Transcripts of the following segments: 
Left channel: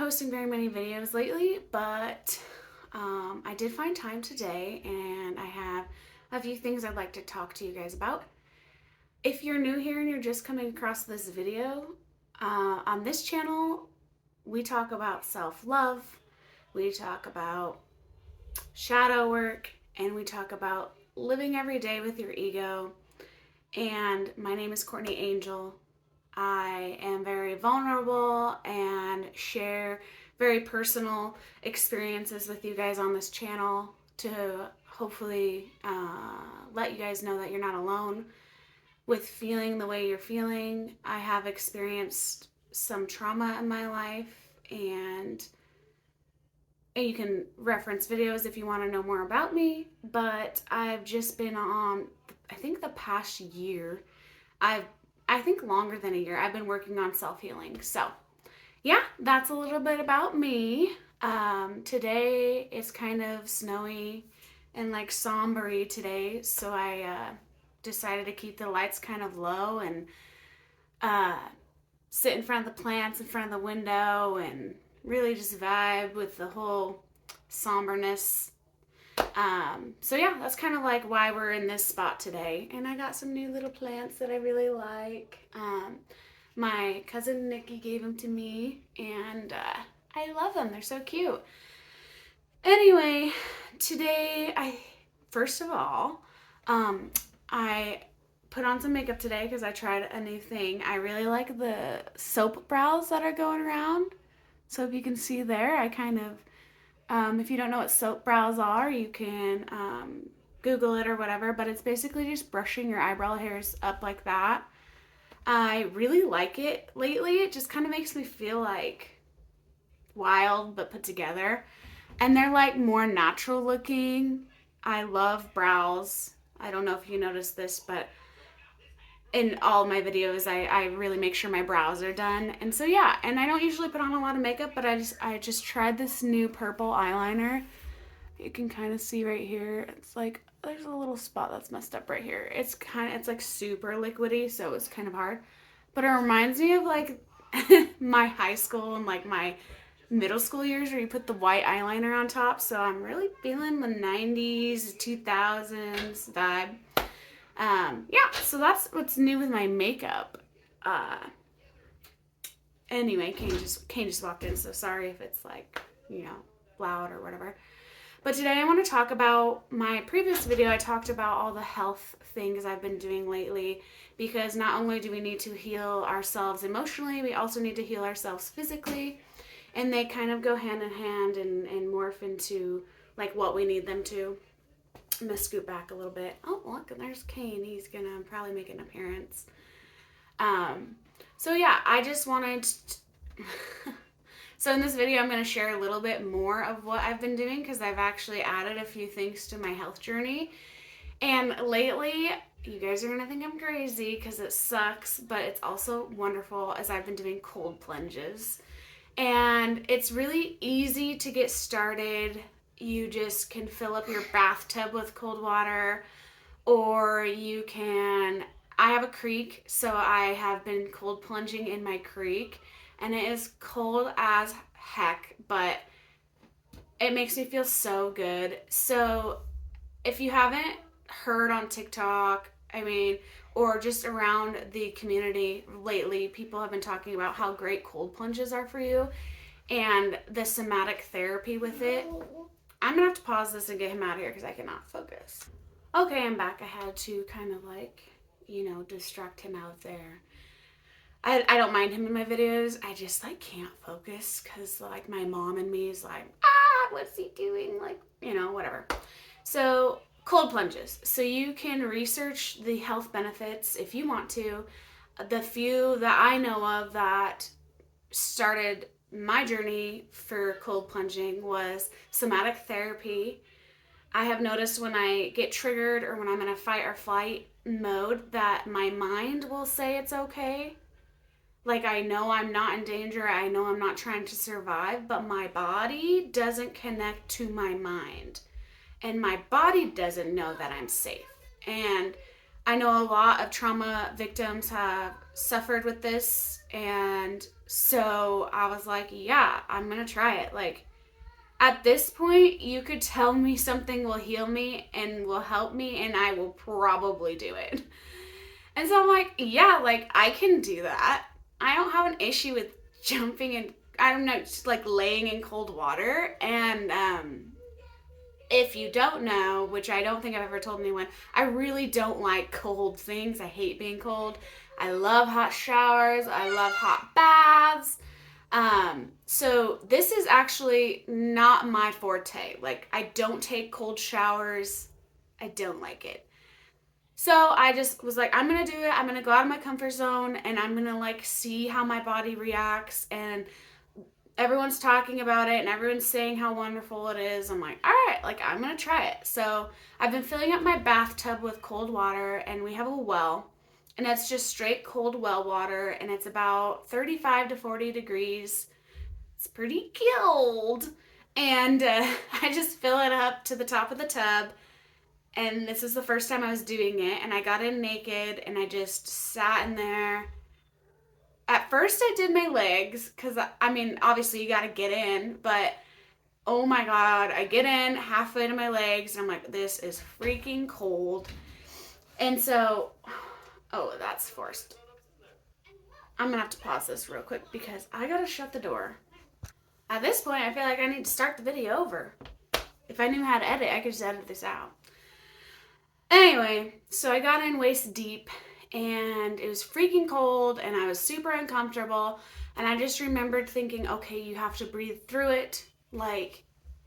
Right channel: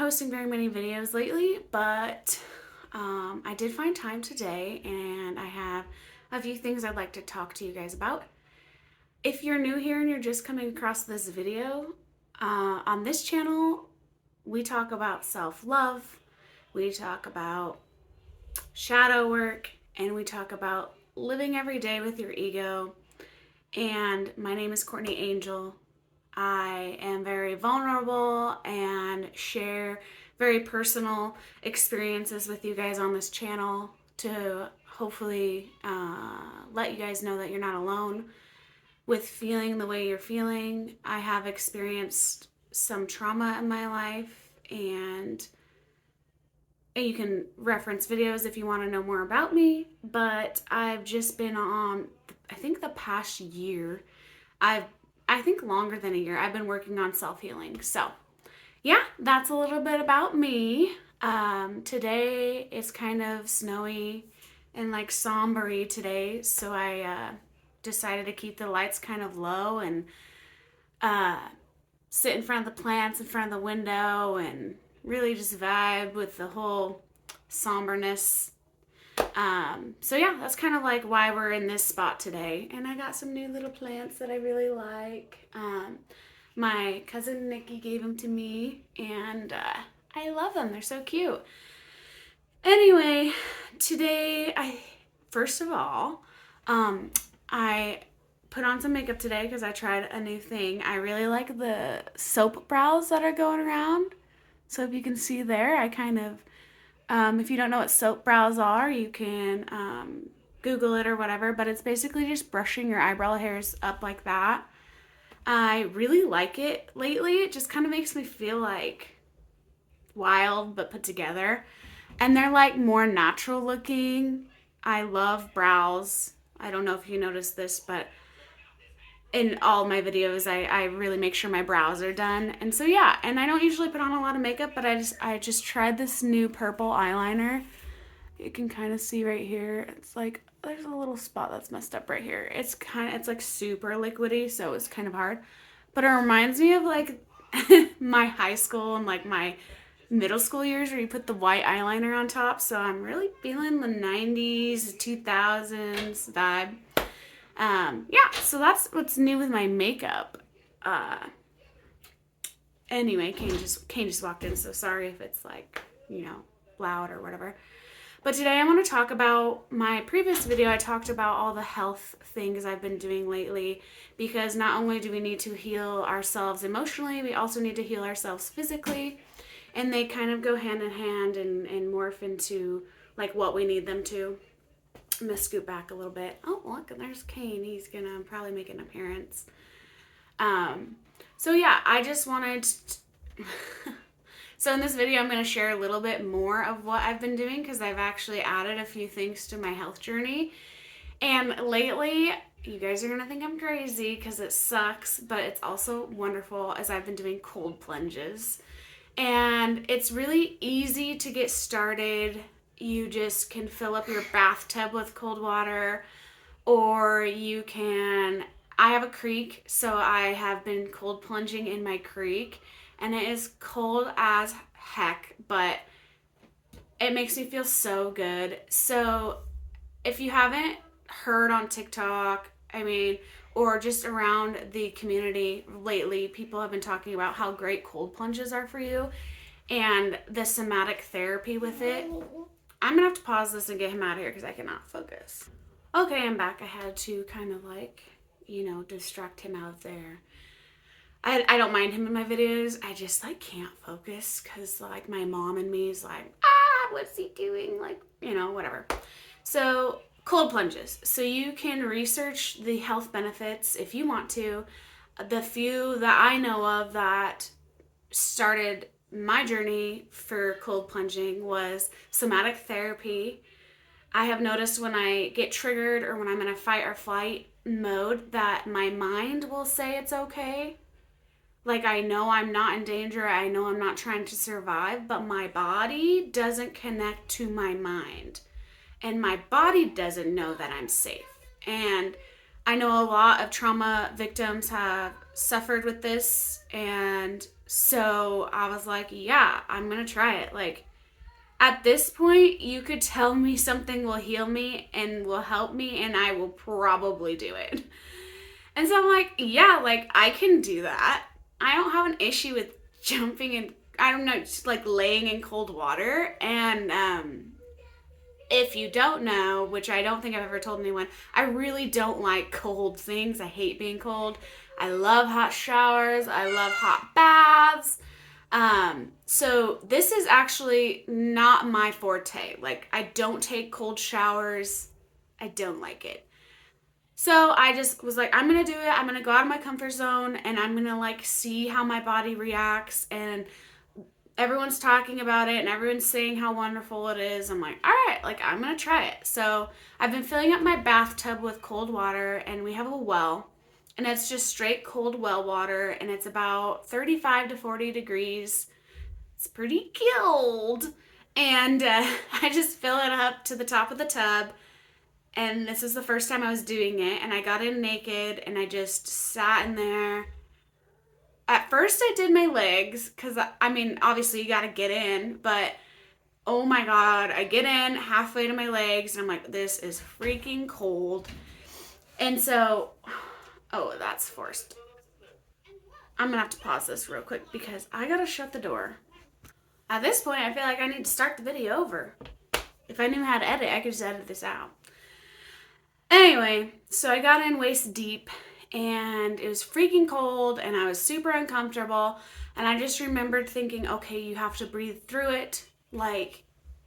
posting very many videos lately, but I did find time today, and I have a few things I'd like to talk to you guys about. If you're new here and you're just coming across this video, on this channel, we talk about self-love, we talk about shadow work, and we talk about living every day with your ego. And my name is Courtney Angel. I am very vulnerable and share very personal experiences with you guys on this channel to hopefully let you guys know that you're not alone with feeling the way you're feeling. I have experienced some trauma in my life, and you can reference videos if you want to know more about me, but I've just been on, I think the past year, I think longer than a year, I've been working on self-healing. So yeah, that's a little bit about me. Today is kind of snowy and like somber-y today, so I decided to keep the lights kind of low and sit in front of the plants in front of the window and really just vibe with the whole somberness. So yeah, that's kind of like why we're in this spot today. And I got some new little plants that I really like. My cousin Nikki gave them to me, and I love them. They're so cute. Anyway, today first of all, I put on some makeup today because I tried a new thing. I really like the soap brows that are going around. So if you can see there, I kind of, if you don't know what soap brows are, you can Google it or whatever, but it's basically just brushing your eyebrow hairs up like that. I really like it lately. It just kind of makes me feel like wild but put together. And they're like more natural looking. I love brows. I don't know if you noticed this, but in all my videos, I really make sure my brows are done. And so yeah, and I don't usually put on a lot of makeup, but I just tried this new purple eyeliner. You can kind of see right here. It's like there's a little spot that's messed up right here. It's like super liquidy, so it's kind of hard. But it reminds me of like my high school and like my middle school years where you put the white eyeliner on top. So I'm really feeling the 90s, 2000s vibe. Yeah, so that's what's new with my makeup. Anyway, Kane just walked in, so sorry if it's like, loud or whatever. But today I want to talk about my previous video. I talked about all the health things I've been doing lately, because not only do we need to heal ourselves emotionally, we also need to heal ourselves physically, and they kind of go hand in hand and morph into like what we need them to. I'm going to scoot back a little bit. Oh, look, there's Kane. He's going to probably make an appearance. So yeah, I just wanted So in this video, I'm going to share a little bit more of what I've been doing, because I've actually added a few things to my health journey. And lately, you guys are going to think I'm crazy because it sucks, but it's also wonderful, as I've been doing cold plunges. And it's really easy to get started. You just can fill up your bathtub with cold water, or you can, I have a creek, so I have been cold plunging in my creek, and it is cold as heck, but it makes me feel so good. So if you haven't heard on TikTok, or just around the community lately, people have been talking about how great cold plunges are for you and the somatic therapy with it. I'm gonna have to pause this and get him out of here because I cannot focus. Okay, I'm back. I had to kind of like, distract him out there. I don't mind him in my videos. I just like can't focus because like my mom and me is like, what's he doing? Like, whatever. So cold plunges. So you can research the health benefits if you want to. The few that I know of that started my journey for cold plunging was somatic therapy. I have noticed when I get triggered or when I'm in a fight or flight mode that my mind will say it's okay. Like, I know I'm not in danger, I know I'm not trying to survive, but my body doesn't connect to my mind. And my body doesn't know that I'm safe. And I know a lot of trauma victims have suffered with this, and So I was like, yeah, I'm going to try it. Like, at this point, you could tell me something will heal me and will help me, and I will probably do it. And so I'm like, yeah, like, I can do that. I don't have an issue with jumping and, I don't know, just like laying in cold water. And if you don't know, which I don't think I've ever told anyone, I really don't like cold things. I hate being cold. I love hot showers. I love hot baths. So this is actually not my forte. Like, I don't take cold showers. I don't like it. So I just was like, I'm gonna do it. I'm gonna go out of my comfort zone and I'm gonna like see how my body reacts. And everyone's talking about it and everyone's saying how wonderful it is. I'm like, all right, like I'm gonna try it. So I've been filling up my bathtub with cold water and we have a well. And it's just straight cold well water and it's about 35 to 40 degrees. It's pretty cold. And I just fill it up to the top of the tub. And this is the first time I was doing it. And I got in naked and I just sat in there. At first, I did my legs because, I mean, obviously you got to get in. But oh my God, I get in halfway to my legs and I'm like, this is freaking cold. And so, oh, that's forced. I'm going to have to pause this real quick because I got to shut the door. At this point, I feel like I need to start the video over. If I knew how to edit, I could just edit this out. Anyway, so I got in waist deep and it was freaking cold and I was super uncomfortable. And I just remembered thinking, okay, you have to breathe through it. Like,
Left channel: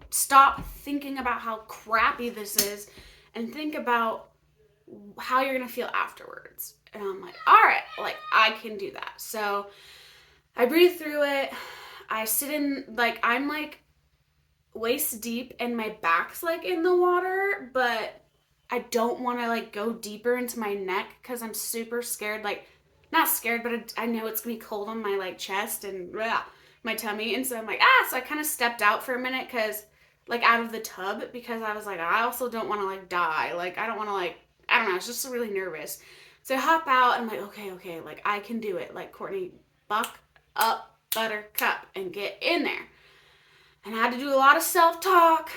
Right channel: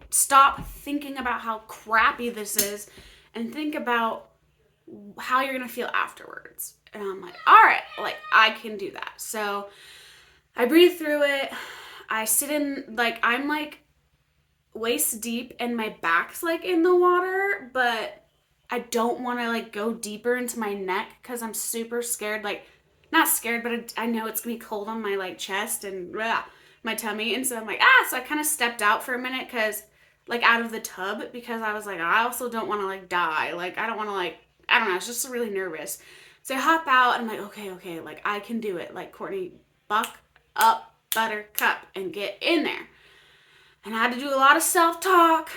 stop thinking about how crappy this is and think about how you're going to feel afterwards. And I'm like, all right, like, I can do that. So I breathe through it. I sit in, like, I'm like waist deep and my back's like in the water, but I don't want to like go deeper into my neck because I'm super scared. Like, not scared, but I know it's gonna be cold on my like chest and my tummy. And so I'm like, so I kind of stepped out for a minute because like out of the tub because I was like, I also don't want to like die. Like, I don't want to like, I don't know. I was just really nervous. So I hop out and I'm like, okay, like I can do it. Like, Courtney, buck up, buttercup, and get in there. And I had to do a lot of self-talk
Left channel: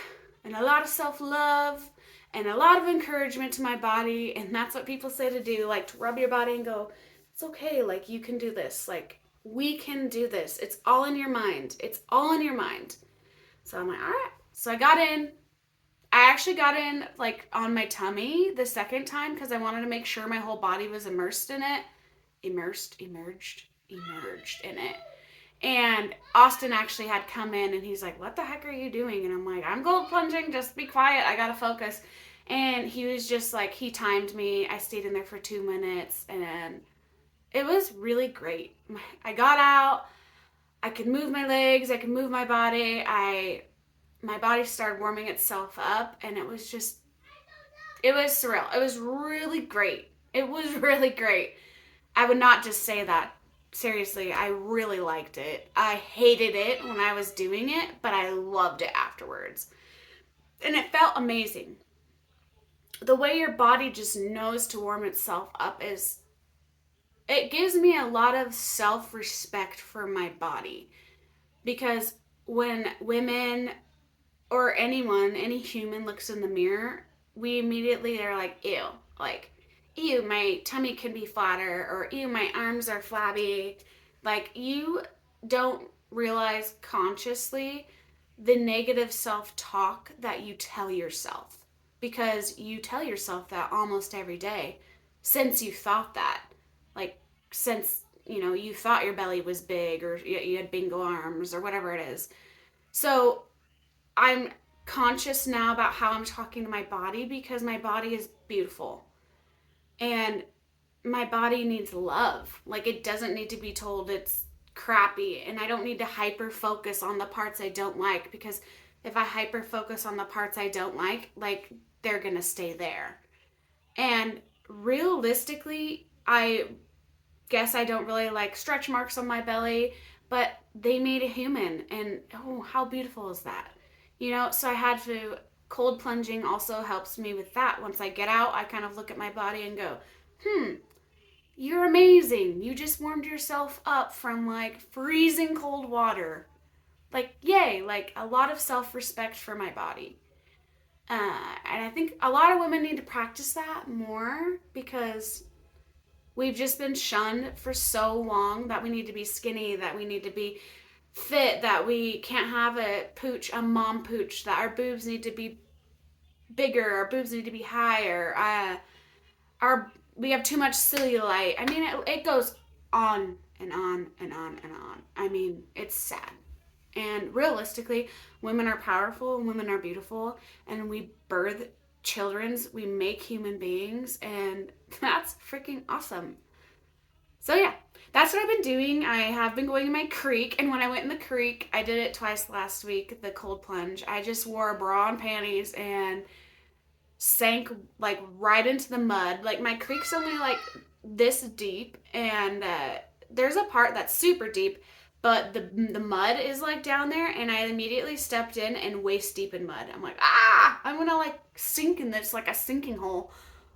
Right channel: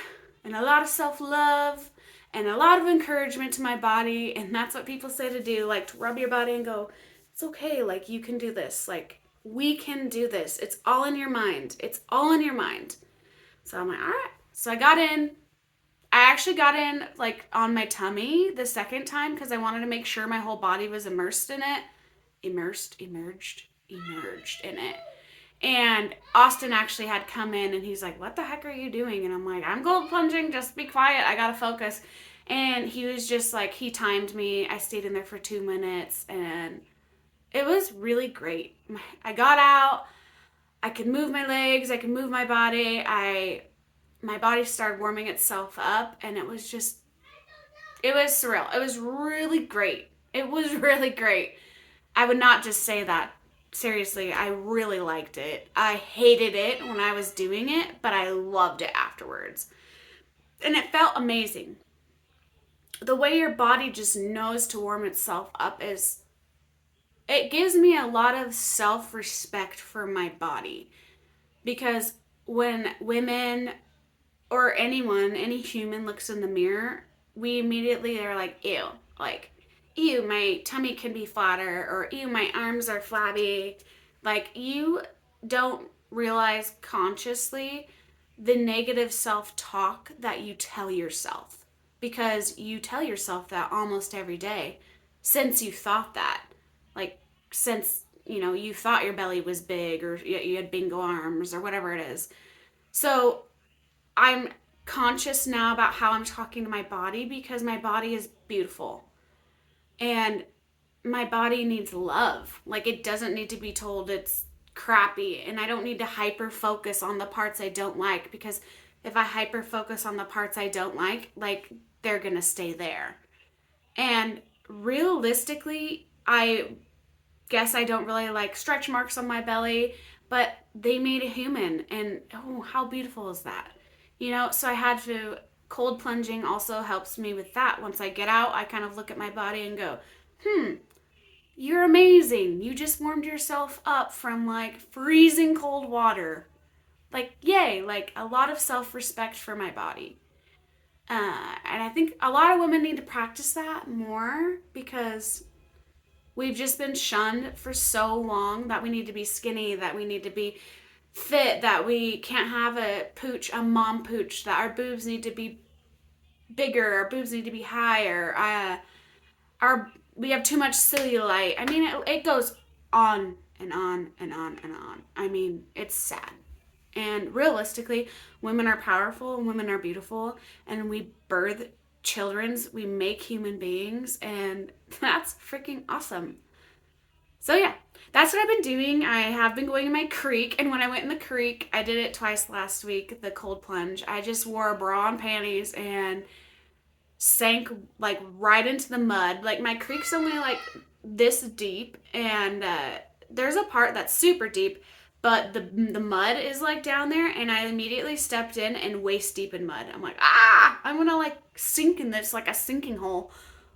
and a lot of self-love and a lot of encouragement to my body. And that's what people say to do, like to rub your body and go, it's okay, like you can do this. Like, we can do this. It's all in your mind. It's all in your mind. So I'm like, all right. So I got in. I actually got in like on my tummy the second time because I wanted to make sure my whole body was immersed in it. Emerged in it. And Austin actually had come in and he's like, what the heck are you doing? And I'm like, I'm cold plunging. Just be quiet. I got to focus. And he was just like, he timed me. I stayed in there for 2 minutes and it was really great. I got out. I could move my legs. I could move my body. My body started warming itself up and it was surreal. It was really great. It was really great. I would not just say that. Seriously, I really liked it. I hated it when I was doing it, but I loved it afterwards. And it felt amazing. The way your body just knows to warm itself up it gives me a lot of self-respect for my body. Because when women or anyone, any human looks in the mirror, we immediately are like, ew, like, ew, my tummy can be flatter, or ew, my arms are flabby. Like, you don't realize consciously the negative self-talk that you tell yourself, because you tell yourself that almost every day since you thought that. Like, since, you thought your belly was big, or you had bingo arms, or whatever it is. So I'm conscious now about how I'm talking to my body, because my body is beautiful. And my body needs love. Like, it doesn't need to be told it's crappy. And I don't need to hyper focus on the parts I don't like, because if I hyper focus on the parts I don't like, they're gonna stay there. And realistically, I guess I don't really like stretch marks on my belly, but they made a human, and oh, how beautiful is that? So I had to, cold plunging also helps me with that. Once I get out, I kind of look at my body and go, you're amazing. You just warmed yourself up from like freezing cold water. Like, yay, like a lot of self respect for my body. And I think a lot of women need to practice that more because we've just been shunned for so long that we need to be skinny, that we need to be fit, that we can't have a pooch, a mom pooch, that our boobs need to be bigger, our boobs need to be higher, we have too much cellulite. I mean, it goes on and on and on and on. I mean, it's sad. And realistically, women are powerful and women are beautiful, and we birth children's, we make human beings, and that's freaking awesome. So yeah, that's what I've been doing. I have been going in my creek, and when I went in the creek, I did it twice last week, the cold plunge. I just wore a bra and panties and sank like right into the mud. Like my creek's only like this deep, and there's a part that's super deep, but the mud is like down there, and I immediately stepped in and waist deep in mud. I'm like, I'm gonna like sink in this, like a sinking hole.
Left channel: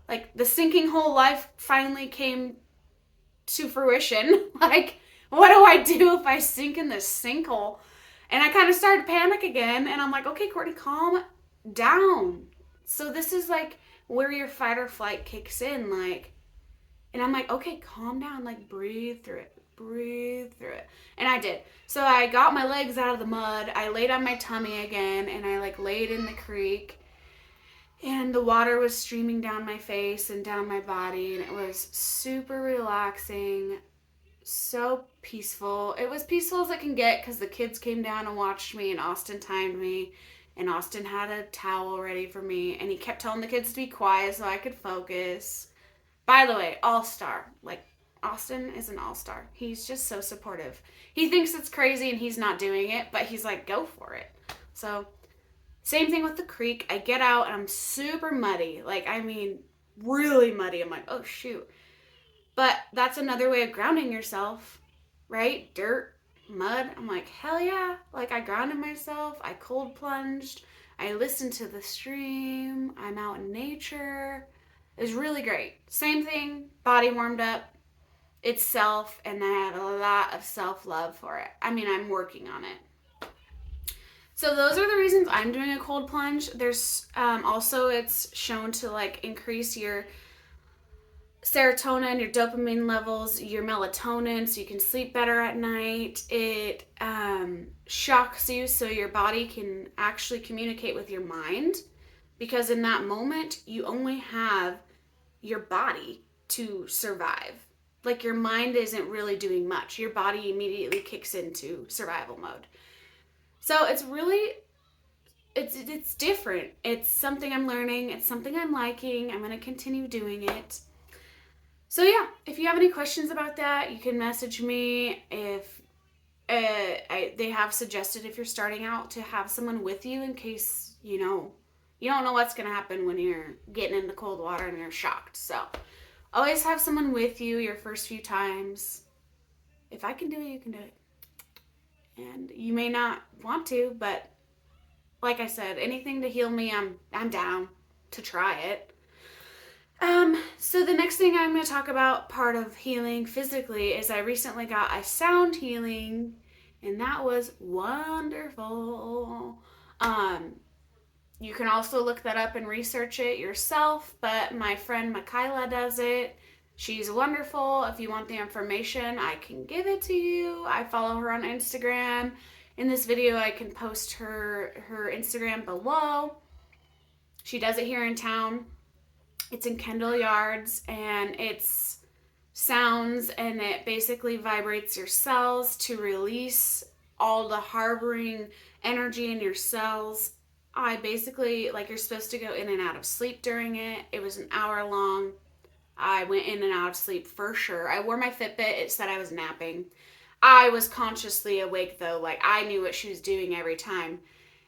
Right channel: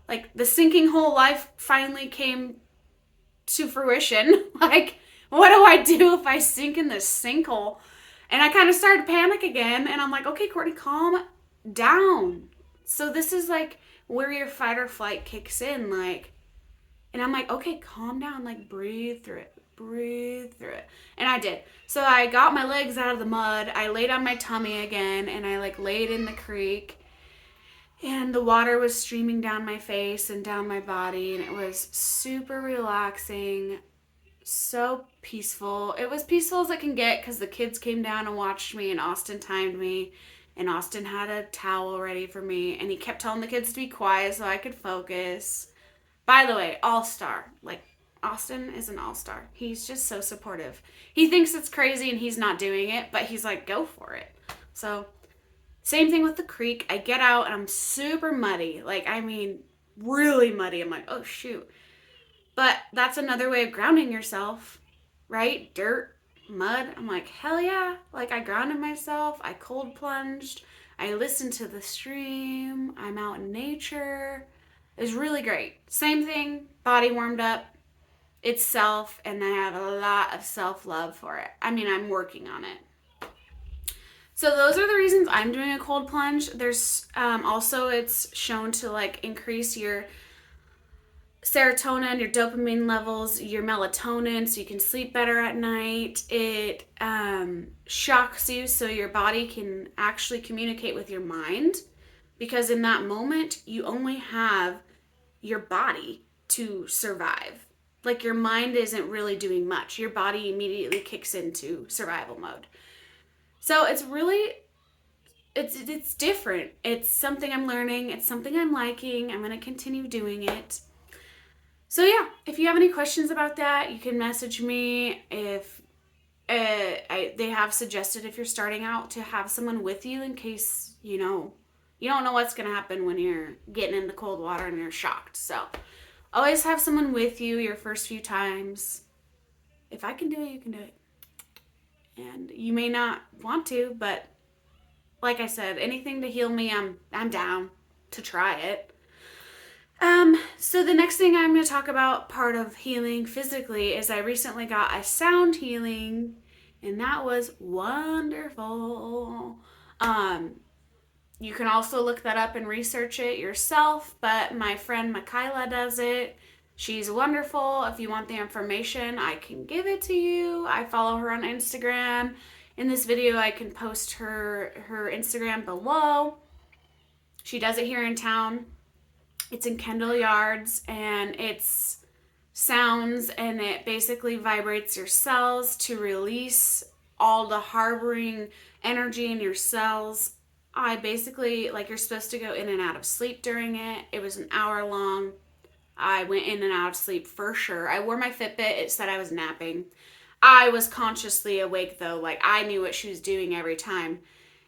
Like the sinking hole life finally came to fruition. Like, what do I do if I sink in this sinkhole? And I kind of started to panic again, and I'm like, okay, Courtney, calm down. So this is like where your fight or flight kicks in, like, and I'm like, okay, calm down, like breathe through it, breathe through it. And I did. So I got my legs out of the mud, I laid on my tummy again, and I like laid in the creek, and the water was streaming down my face and down my body, and it was super relaxing, so peaceful. It was peaceful as it can get because the kids came down and watched me, and Austin timed me, and Austin had a towel ready for me, and he kept telling the kids to be quiet so I could focus. By the way, all-star. Like, Austin is an all-star. He's just so supportive. He thinks it's crazy and he's not doing it, but he's like, go for it. So same thing with the creek. I get out and I'm super muddy. Like, I mean, really muddy. I'm like, oh, shoot. But that's another way of grounding yourself, right? Dirt, mud. I'm like, hell yeah. Like, I grounded myself. I cold plunged. I listened to the stream. I'm out in nature. It was really great. Same thing, body warmed up itself, and I have a lot of self-love for it. I mean, I'm working on it. So those are the reasons I'm doing a cold plunge. There's also, it's shown to like increase your serotonin, your dopamine levels, your melatonin, so you can sleep better at night. It shocks you so your body can actually communicate with your mind, because in that moment you only have your body to survive. Like, your mind isn't really doing much. Your body immediately kicks into survival mode. So it's really, it's different. It's something I'm learning. It's something I'm liking. I'm going to continue doing it. So yeah, if you have any questions about that, you can message me. If they have suggested, if you're starting out, to have someone with you in case, you don't know what's going to happen when you're getting in the cold water and you're shocked. So always have someone with you your first few times. If I can do it, you can do it. And you may not want to, but like I said, anything to heal me, I'm down to try it. So the next thing I'm going to talk about, part of healing physically, is I recently got a sound healing, and that was wonderful. You can also look that up and research it yourself, but my friend Michaela does it. She's wonderful. If you want the information, I can give it to you. I follow her on Instagram. In this video, I can post her Instagram below. She does it here in town. It's in Kendall Yards, and it's sounds, and it basically vibrates your cells to release all the harboring energy in your cells. I basically, like, you're supposed to go in and out of sleep during it. It was an hour long. I went in and out of sleep for sure. I wore my Fitbit. It said I was napping. I was consciously awake though. Like, I knew what she was doing every time.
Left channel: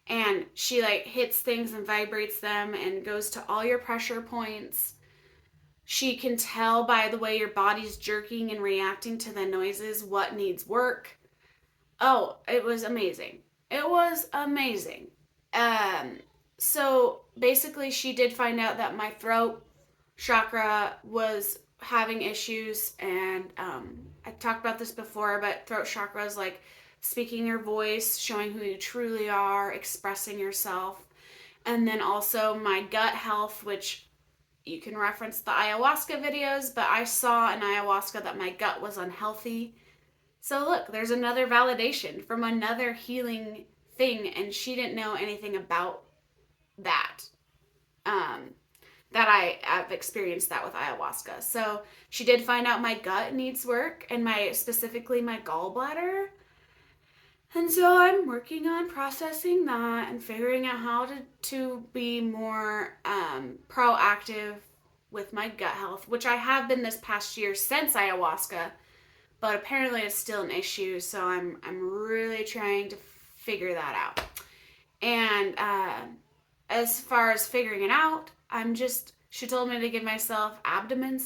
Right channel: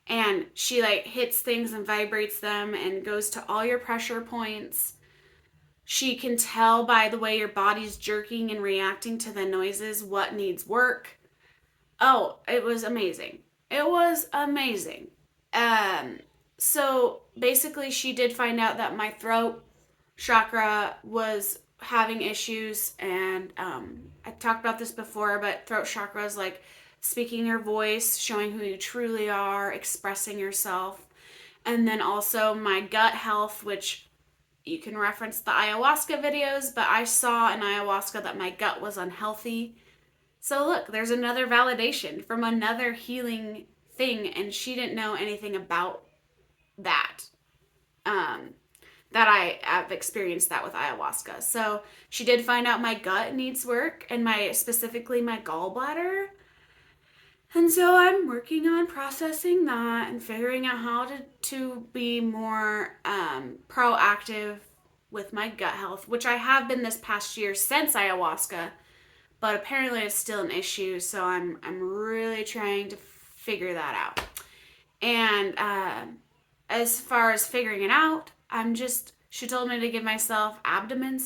And she like hits things and vibrates them and goes to all your pressure points. She can tell by the way your body's jerking and reacting to the noises what needs work. Oh, it was amazing. It was amazing. So basically she did find out that my throat chakra was having issues, and I talked about this before, but throat chakra is like speaking your voice, showing who you truly are, expressing yourself. And then also my gut health, which you can reference the ayahuasca videos, but I saw in ayahuasca that my gut was unhealthy. So look, there's another validation from another healing thing, and she didn't know anything about that. Um, that I've experienced that with ayahuasca. So she did find out my gut needs work, and specifically my gallbladder. And so I'm working on processing that and figuring out how to be more proactive with my gut health, which I have been this past year since ayahuasca, but apparently it's still an issue. So I'm really trying to figure that out. And as far as figuring it out, she told me to give myself abdomen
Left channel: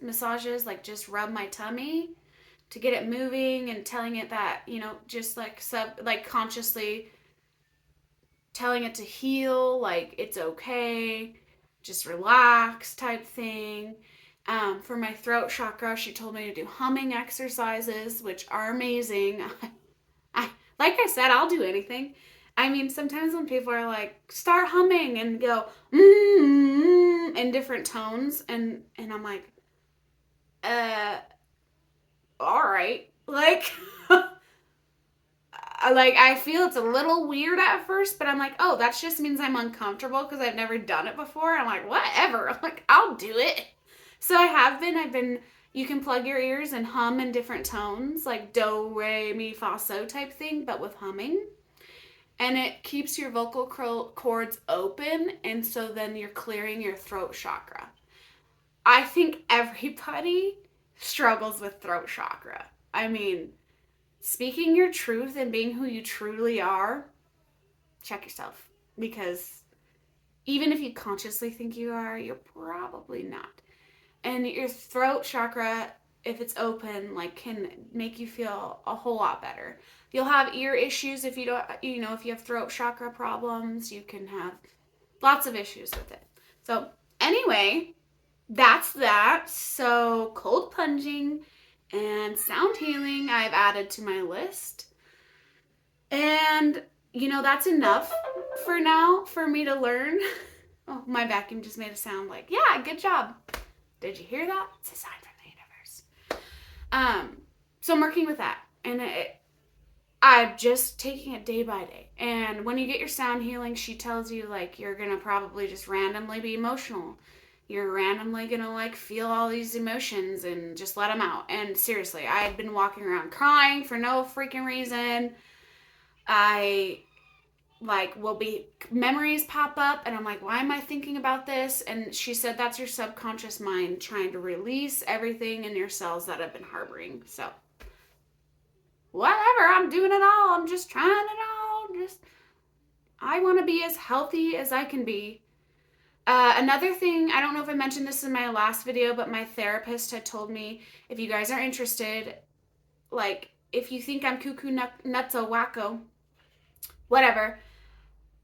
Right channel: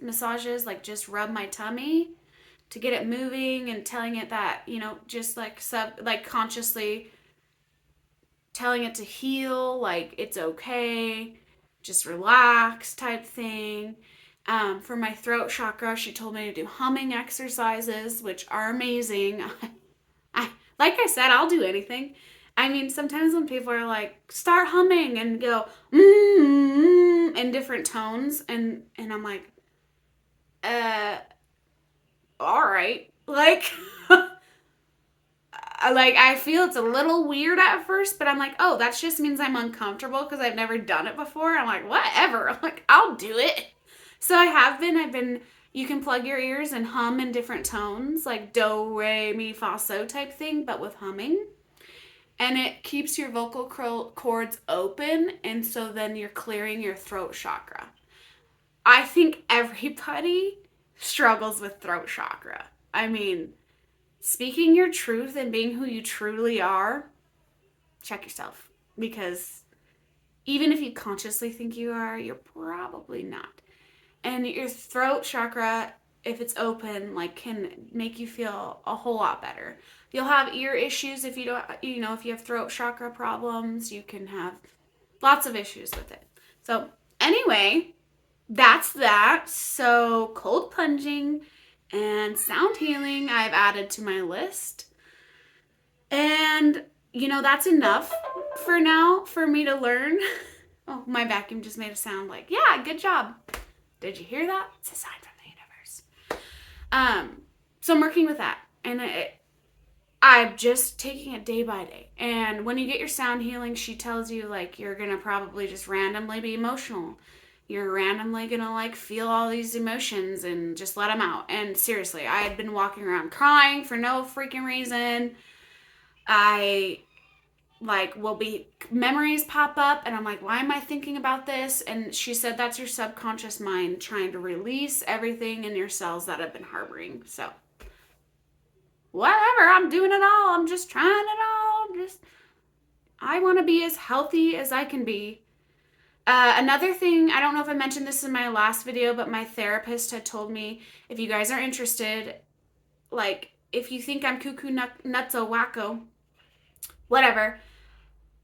massages, like just rub my tummy to get it moving, and telling it that, just like consciously telling it to heal, like it's okay, just relax type thing. For my throat chakra, she told me to do humming exercises, which are amazing. Like I said, I'll do anything. I mean, sometimes when people are like, start humming and go, in different tones, and I'm like, all right. Like, I feel it's a little weird at first, but I'm like, oh, that just means I'm uncomfortable because I've never done it before. I'm like, whatever. I'm like, I'll do it. So I've been, you can plug your ears and hum in different tones, like do, re, mi, fa, so type thing, but with humming. And it keeps your vocal cords open, and so then you're clearing your throat chakra. I think everybody struggles with throat chakra. I mean, speaking your truth and being who you truly are, check yourself. Because even if you consciously think you are, you're probably not. And your throat chakra, if it's open, like, can make you feel a whole lot better. You'll have ear issues if you don't, if you have throat chakra problems, you can have lots of issues with it. So anyway, that's that. So cold plunging and sound healing I've added to my list. And, that's enough for now for me to learn. Oh, my vacuum just made a sound like, yeah, good job. Did you hear that? It's a sign from the universe. So I'm working with that. And I'm just taking it day by day. And when you get your sound healing, she tells you, like, you're going to probably just randomly be emotional. You're randomly going to, like, feel all these emotions and just let them out. And seriously, I had been walking around crying for no freaking reason. Memories pop up, and I'm like, why am I thinking about this? And she said that's your subconscious mind trying to release everything in your cells that have been harboring. So whatever, I'm doing it all. I'm just trying it all. I want to be as healthy as I can be. Another thing, I don't know if I mentioned this in my last video, but my therapist had told me, if you guys are interested, like, if you think I'm cuckoo nutso wacko, whatever,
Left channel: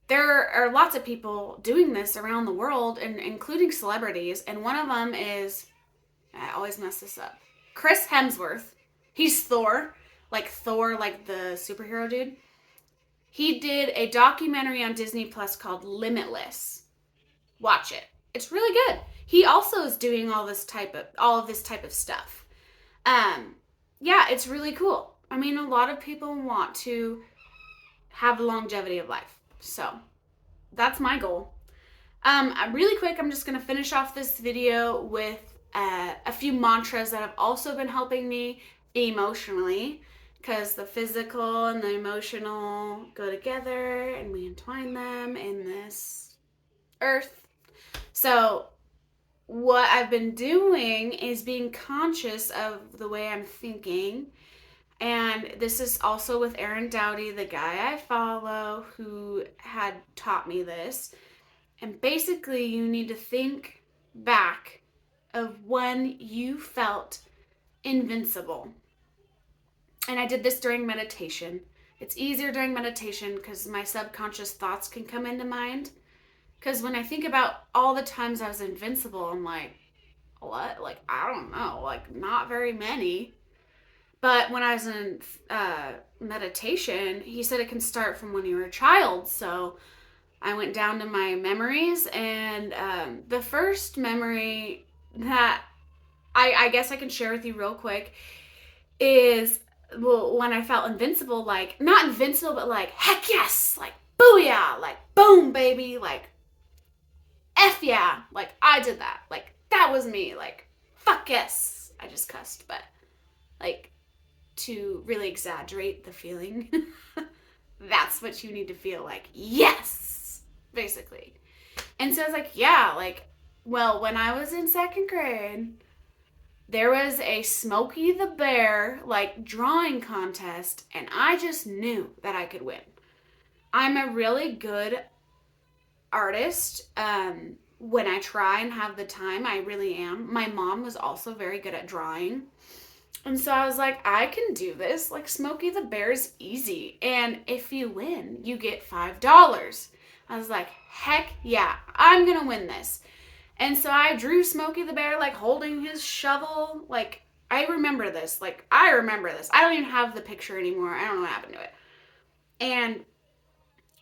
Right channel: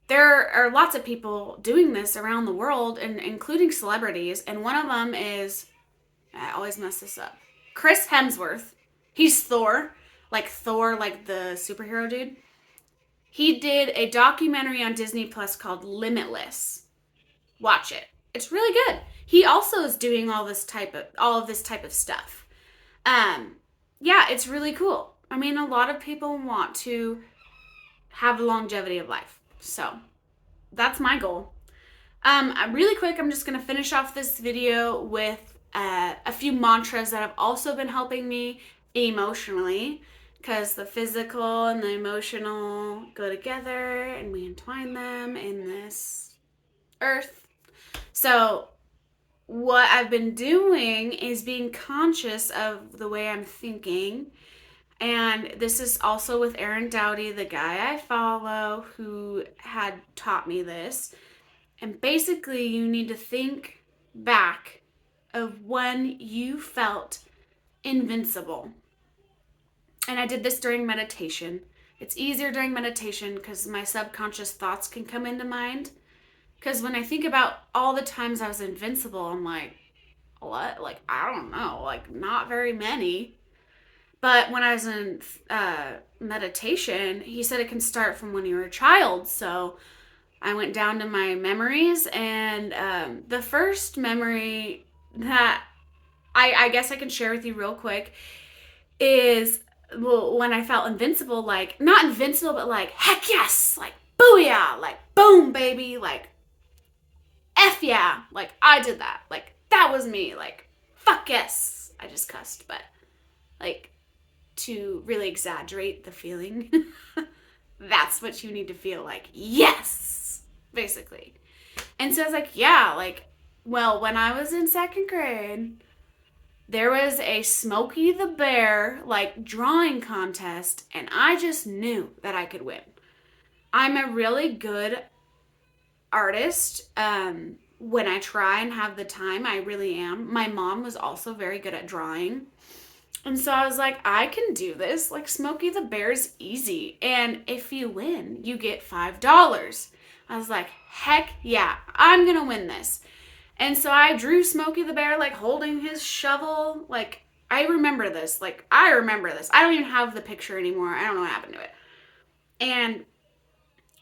there are lots of people doing this around the world, and including celebrities, and one of them is, I always mess this up, Chris Hemsworth. He's Thor, like the superhero dude. He did a documentary on Disney Plus called Limitless. Watch it. It's really good. He also is doing all of this type of stuff. Yeah, it's really cool. I mean, a lot of people want to have the longevity of life. So that's my goal. Really quick, I'm just going to finish off this video with a few mantras that have also been helping me emotionally, because the physical and the emotional go together, and we entwine them in this earth. So what I've been doing is being conscious of the way I'm thinking. And this is also with Aaron Doughty, the guy I follow, who had taught me this. And basically, you need to think back of when you felt invincible. And I did this during meditation. It's easier during meditation because my subconscious thoughts can come into mind. Because when I think about all the times I was invincible, I'm like, what? Like, I don't know. Like, not very many. But when I was in meditation, he said it can start from when you were a child. So I went down to my memories, and the first memory that I guess I can share with you real quick is, well, when I felt invincible, like, not invincible, but like, heck yes, like, booyah, like, boom, baby, like, F yeah, like, I did that, like, that was me, like, fuck yes. I just cussed, but, like, to really exaggerate the feeling, that's what you need to feel, like, yes, basically. And so I was like, yeah, like, well, when I was in second grade, there was a Smokey the Bear, like, drawing contest, and I just knew that I could win. I'm a really good artist. When I try and have the time, I really am. My mom was also very good at drawing. And so I was like, I can do this. Like, Smokey the Bear's easy. And if you win, you get $5. I was like, heck yeah, I'm going to win this. And so I drew Smokey the Bear, like, holding his shovel. Like, I remember this. Like, I remember this. I don't even have the picture anymore. I don't know what happened to it. And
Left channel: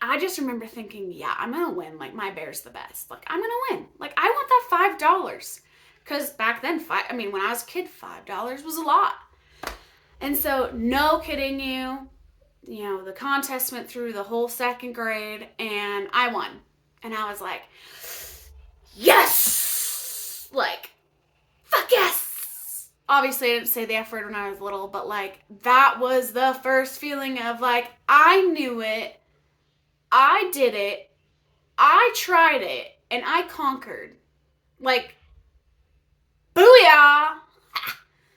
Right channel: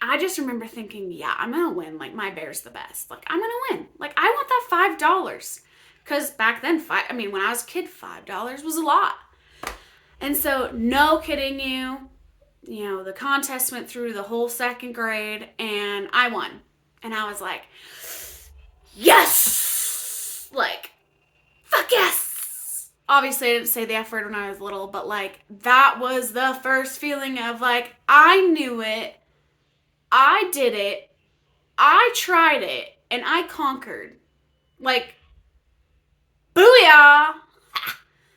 I just remember thinking, yeah, I'm going to win. Like, my bear's the best. Like, I'm going to win. Like, I want that $5. Because back then, when I was a kid, $5 was a lot. And so, no kidding you, the contest went through the whole second grade, and I won. And I was like, yes! Like, fuck yes! Obviously, I didn't say the F word when I was little, but, like, that was the first feeling of, like, I knew it. I did it, I tried it, and I conquered. Like, booyah!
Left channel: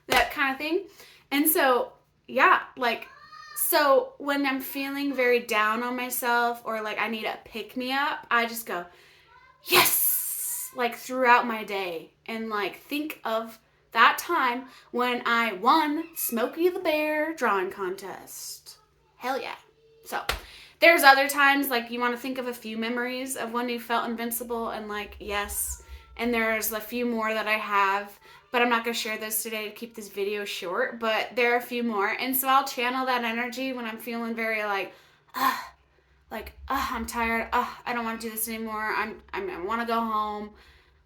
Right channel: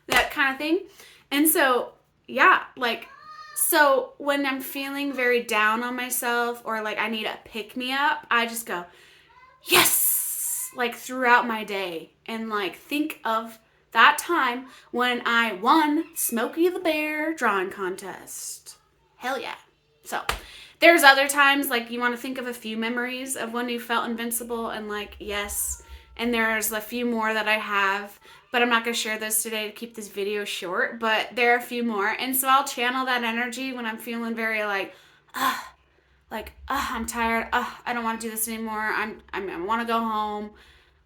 That kind of thing. And so, yeah, like, so when I'm feeling very down on myself, or like I need a pick-me-up, I just go, yes! Like, throughout my day. And like, think of that time when I won Smokey the Bear drawing contest. Hell yeah. So, there's other times, like, you want to think of a few memories of when you felt invincible, and like, yes. And there's a few more that I have, but I'm not going to share those today to keep this video short, but there are a few more. And so I'll channel that energy when I'm feeling very like, I'm tired. I don't want to do this anymore. I want to go home.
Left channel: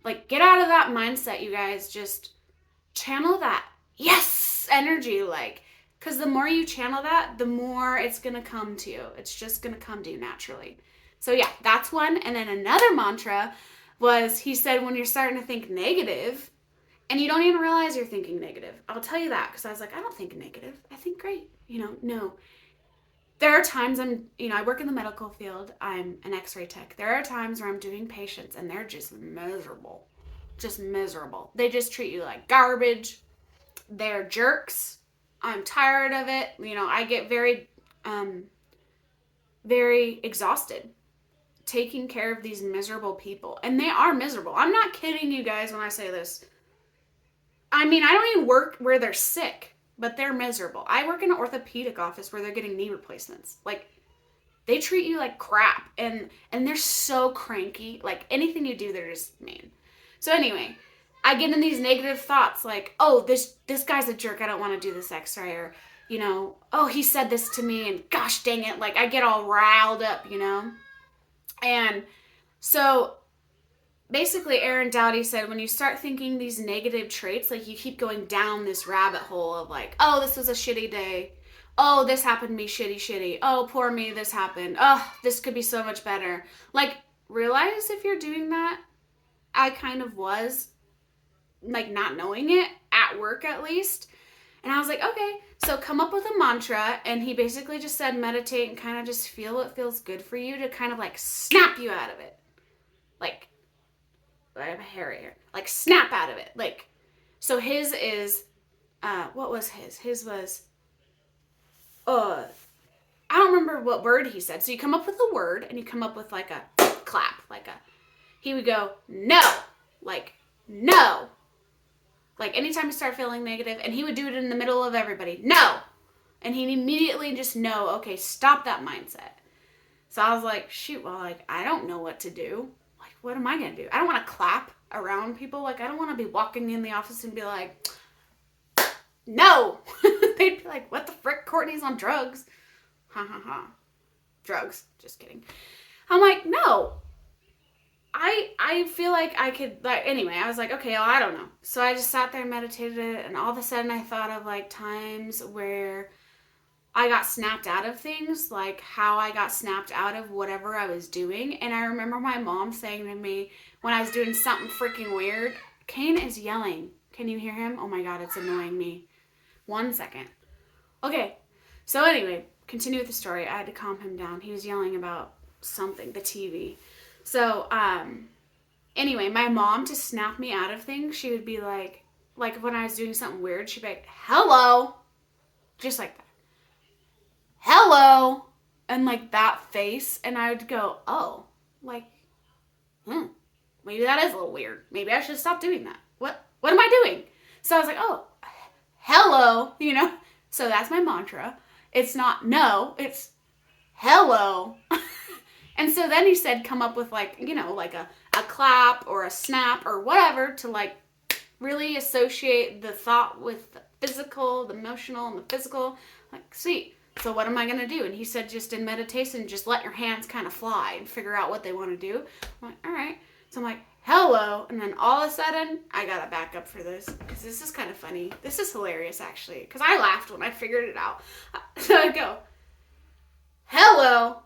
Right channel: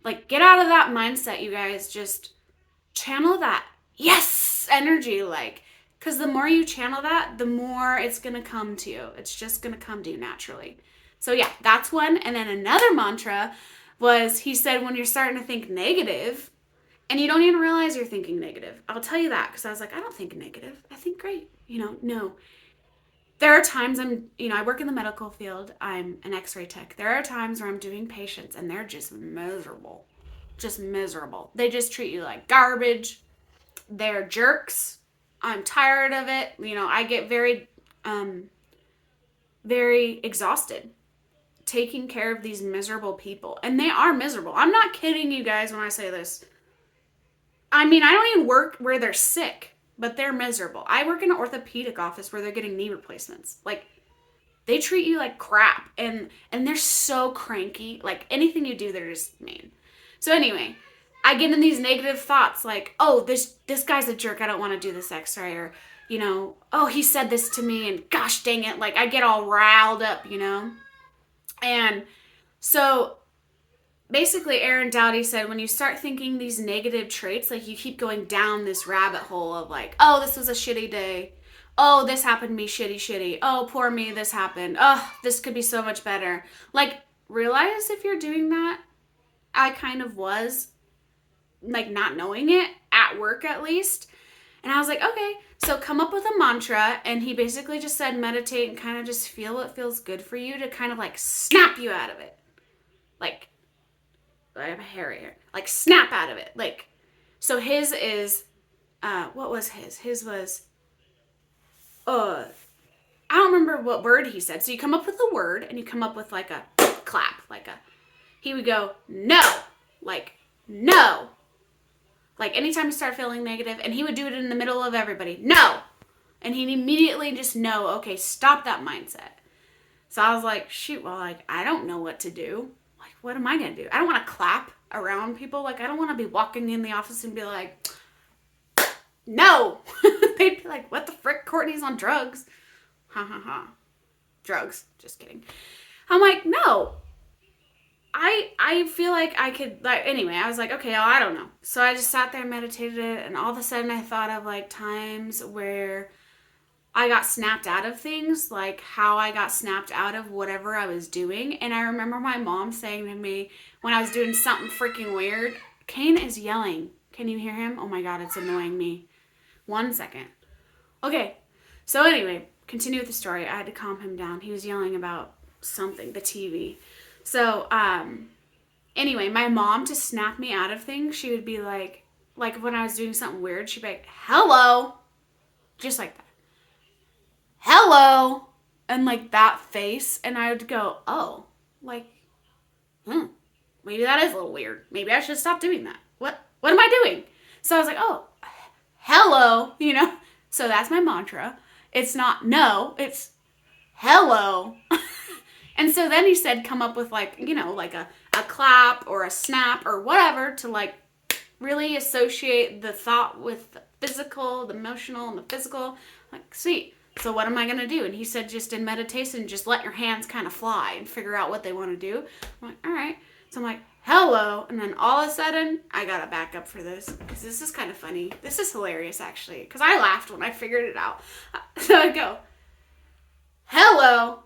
Like, get out of that mindset, you guys. Just channel that yes energy, like, because the more you channel that, the more it's going to come to you. It's just going to come to you naturally. So yeah, that's one. And then another mantra was, he said, when you're starting to think negative and you don't even realize you're thinking negative. I'll tell you that, because I was like, I don't think negative. I think great. No. There are times I work in the medical field. I'm an x-ray tech. There are times where I'm doing patients and they're just miserable. Just miserable. They just treat you like garbage. They're jerks. I'm tired of it. I get very, very exhausted taking care of these miserable people. And they are miserable. I'm not kidding you guys when I say this. I don't even work where they're sick, but they're miserable. I work in an orthopedic office where they're getting knee replacements. Like, they treat you like crap. And they're so cranky. Like, anything you do, they're just mean. So anyway, I get in these negative thoughts like, oh, this guy's a jerk, I don't want to do this x-ray, or, oh, he said this to me, and gosh dang it, like, I get all riled up, And so basically Aaron Doughty said, when you start thinking these negative traits, like, you keep going down this rabbit hole of like, oh, this was a shitty day. Oh, this happened to me, shitty. Oh, poor me, this happened. Oh, this could be so much better. Like, realize if you're doing that, I kind of was, like, not knowing it, at work at least. And I was like, okay, so come up with a mantra. And he basically just said, meditate and kind of just feel what feels good for you to kind of like snap you out of it. Like, I have a hair here. Like, snap out of it. Like, so his is, what was his? His was, I don't remember what word he said. So you come up with a word and you come up with like a clap, he would go, no, like, no. Like, anytime you start feeling negative, and he would do it in the middle of everybody, no. And he'd immediately just know, okay, stop that mindset. So I was like, shoot, well, like, I don't know what to do. Like, what am I going to do? I don't want to clap around people. Like, I don't want to be walking in the office and be like, no. They'd be like, what the frick? Courtney's on drugs. Ha ha ha. Drugs. Just kidding. I'm like, no. I feel like I could, like, anyway, I was like, okay, well, I don't know. So I just sat there and meditated, and all of a sudden I thought of, like, times where I got snapped out of things, like how I got snapped out of whatever I was doing. And I remember my mom saying to me when I was doing something freaking weird, Kane is yelling. Can you hear him? Oh my God, it's annoying me. 1 second. Okay, so anyway, continue with the story. I had to calm him down. He was yelling about something, the TV. So, anyway, my mom, to snap me out of things, she would be like when I was doing something weird, she'd be like, hello. Just like that. Hello. And like that face. And I would go, oh, like, maybe that is a little weird. Maybe I should stop doing that. What am I doing? So I was like, oh, hello, you know? So that's my mantra. It's not no, it's hello. And so then he said, come up with like, you know, like a clap or a snap or whatever to like really associate the thought with the physical, the emotional, and the physical. Like, sweet. So what am I going to do? And he said, just in meditation, just let your hands kind of fly and figure out what they want to do. I'm like, all right. So I'm like, hello. And then all of a sudden, I got to back up for this because this is kind of funny. This is hilarious, actually, because I laughed when I figured it out. So I go, hello,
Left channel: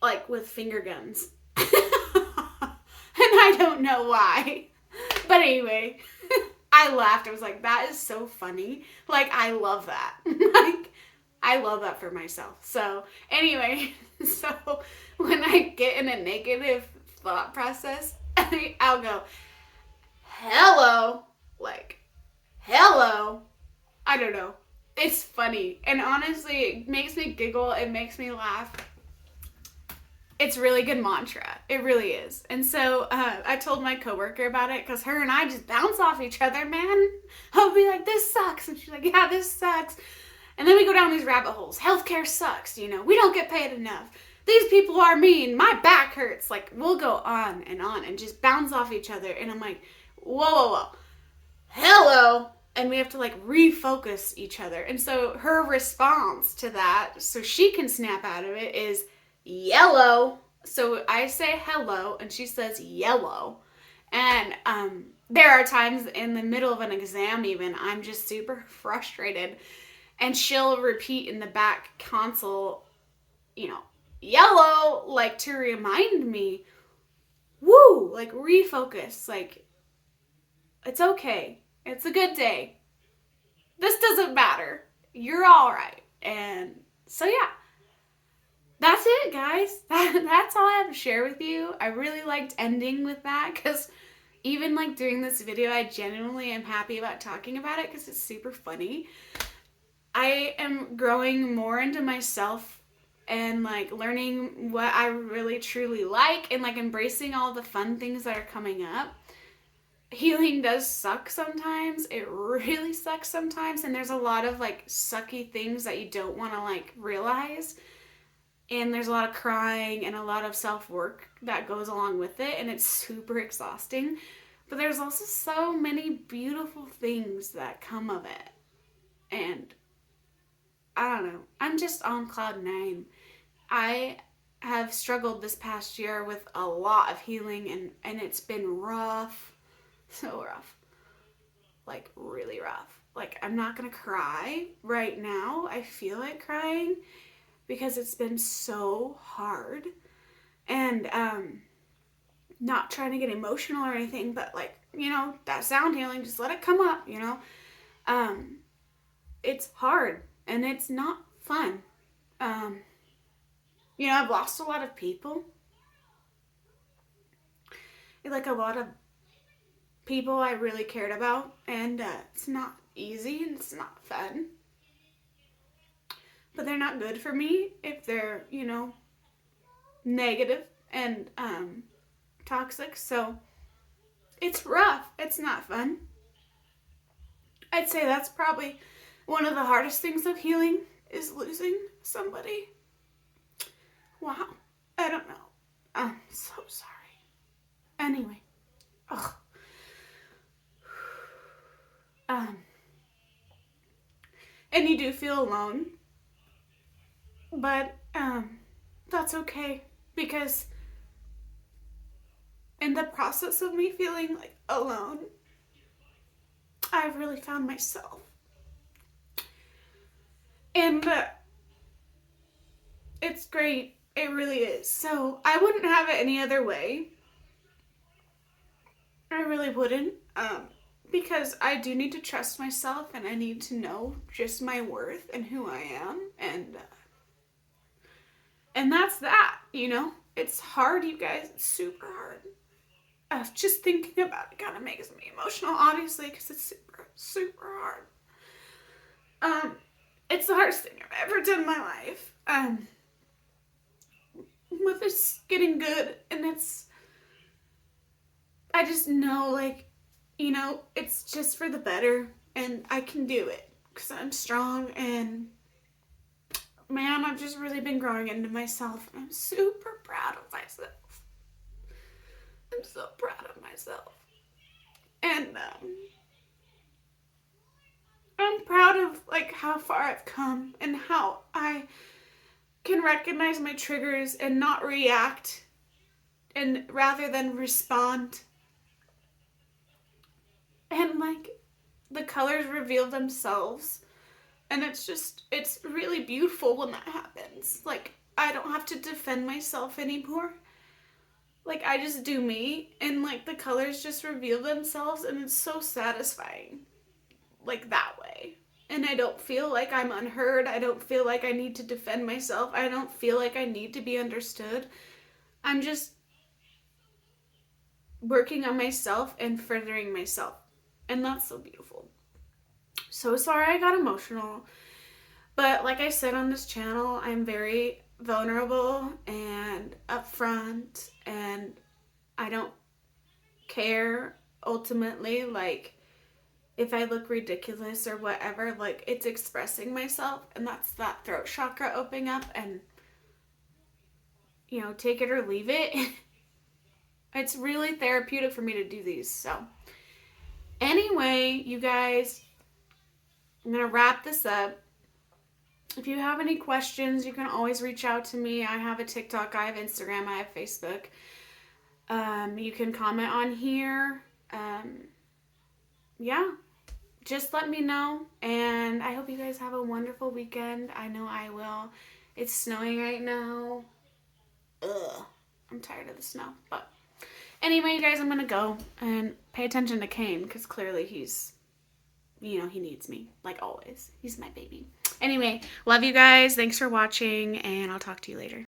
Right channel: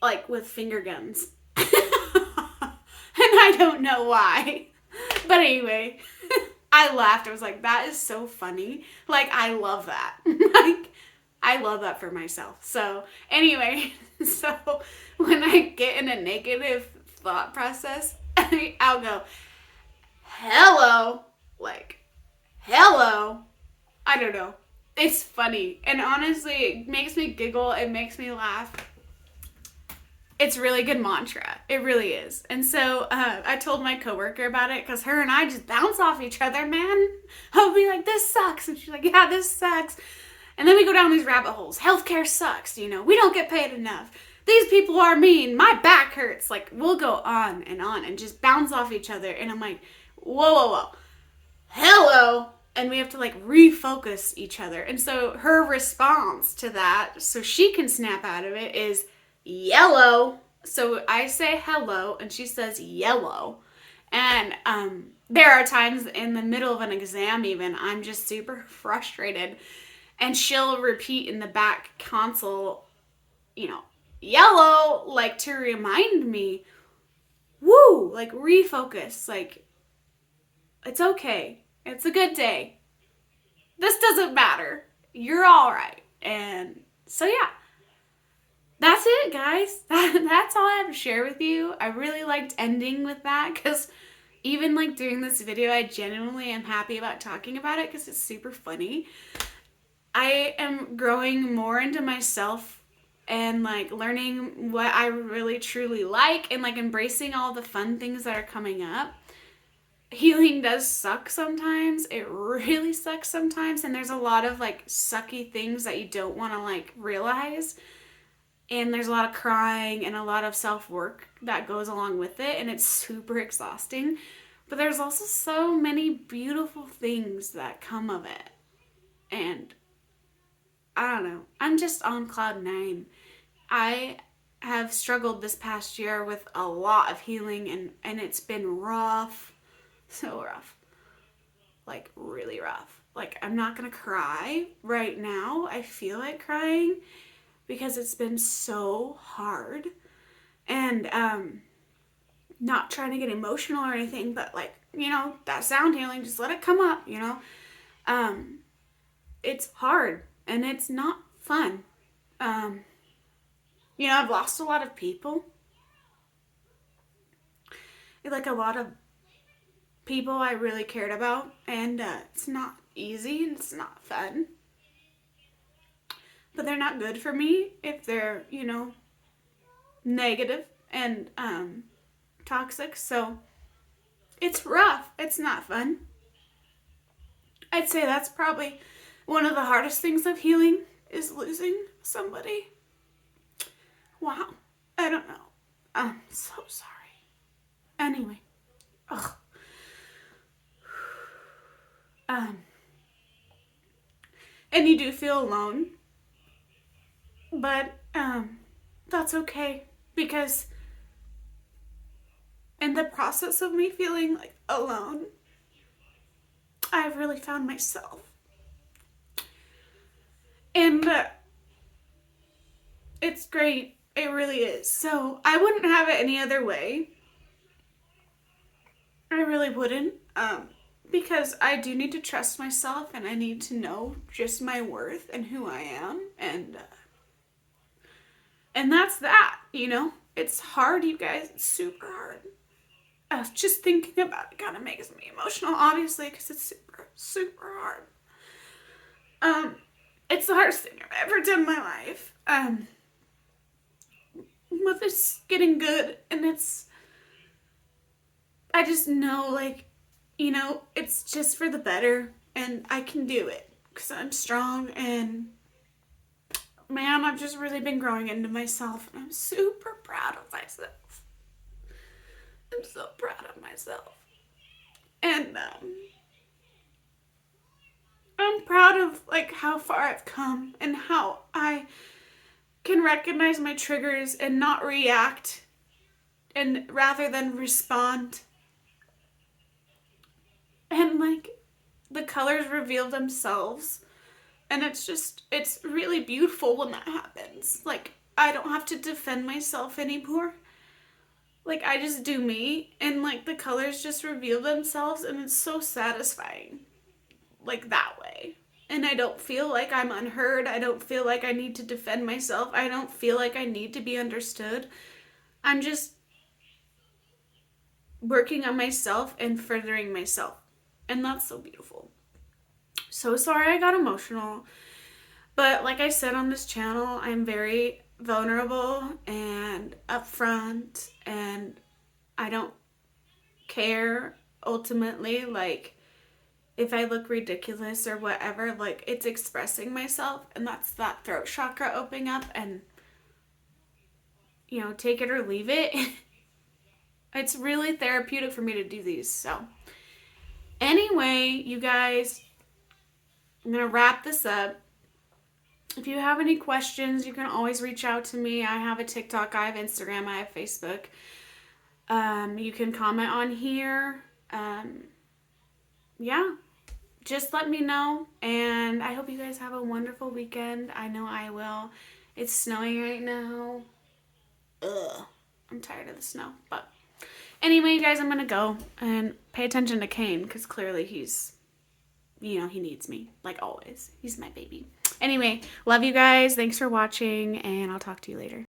like with finger guns. And I don't know why. But anyway, I laughed. I was like, that is so funny. Like, I love that. Like, I love that for myself. So anyway, so when I get in a negative thought process, I'll go, hello, like, hello. I don't know. It's funny. And honestly, it makes me giggle. It makes me laugh. It's a really good mantra. It really is. And so I told my coworker about it because her and I just bounce off each other, man. I'll be like, this sucks. And she's like, yeah, this sucks. And then we go down these rabbit holes. Healthcare sucks, you know. We don't get paid enough. These people are mean. My back hurts. Like, we'll go on and just bounce off each other. And I'm like, whoa. Hello. And we have to like refocus each other. And so her response to that, so she can snap out of it, is yellow. So I say hello and she says yellow. And there are times in the middle of an exam even, I'm just super frustrated. And she'll repeat in the back console, you know, yellow, like to remind me, woo, like refocus, like it's okay. It's a good day. This doesn't matter. You're all right. And so, yeah. That's it, guys. That's all I have to share with you. I really liked ending with that because even like doing this video, I genuinely am happy about talking about it because it's super funny. I am growing more into myself and like learning what I really truly like and like embracing all the fun things that are coming up. Healing does suck sometimes. It really sucks sometimes. And there's a lot of like sucky things that you don't want to like realize. And there's a lot of crying and a lot of self-work that goes along with it. And it's super exhausting. But there's also so many beautiful things that come of it. And I don't know. I'm just on cloud 9. I have struggled this past year with a lot of healing. And it's been rough. So rough. Like really rough. Like I'm not going to cry right now. I feel like crying. Because it's been so hard. And not trying to get emotional or anything, but like, you know, that sound healing, just let it come up, you know. It's hard and it's not fun. You know, I've lost a lot of people. Like a lot of people I really cared about, and it's not easy and it's not fun. But they're not good for me if they're, you know, negative and toxic. So it's rough. It's not fun. I'd say that's probably one of the hardest things of healing is losing somebody. Wow. I don't know. I'm so sorry. Anyway, Ugh. And you do feel alone, but that's okay, because in the process of me feeling like alone, I've really found myself. And it's great. It really is. So I wouldn't have it any other way. I really wouldn't. Because I do need to trust myself, and I need to know just my worth and who I am. And that's that, you know? It's hard, you guys. It's super hard. Just thinking about it kind of makes me emotional, obviously, because it's super, super hard. It's the hardest thing I've ever done in my life. But it's getting good, and I just know, like, you know, it's just for the better, and I can do it, because I'm strong, and man, I've just really been growing into myself, and I'm super proud of myself. I'm so proud of myself. And I'm proud of, like, how far I've come, and how I can recognize my triggers and not react, and rather than respond. And, like, the colors reveal themselves, and it's really beautiful when that happens. Like, I don't have to defend myself anymore. Like, I just do me, and, like, the colors just reveal themselves, and it's so satisfying, like, that way. And I don't feel like I'm unheard. I don't feel like I need to defend myself. I don't feel like I need to be understood. I'm just working on myself and furthering myself. And that's so beautiful. So sorry I got emotional. But like I said on this channel, I'm very vulnerable and upfront, and I don't care ultimately, like, if I look ridiculous or whatever. Like, it's expressing myself, and that's that throat chakra opening up, and, you know, take it or leave it. It's really therapeutic for me to do these. So anyway, you guys, I'm gonna wrap this up. If you have any questions, you can always reach out to me. I have a TikTok, I have Instagram, I have Facebook. You can comment on here. Yeah, just let me know. And I hope you guys have a wonderful weekend. I know I will. It's snowing right now. Ugh, I'm tired of the snow. But anyway, you guys, I'm going to go and pay attention to Kane, because clearly he's, you know, he needs me, like always. He's my baby. Anyway, love you guys. Thanks for watching, and I'll talk to you later.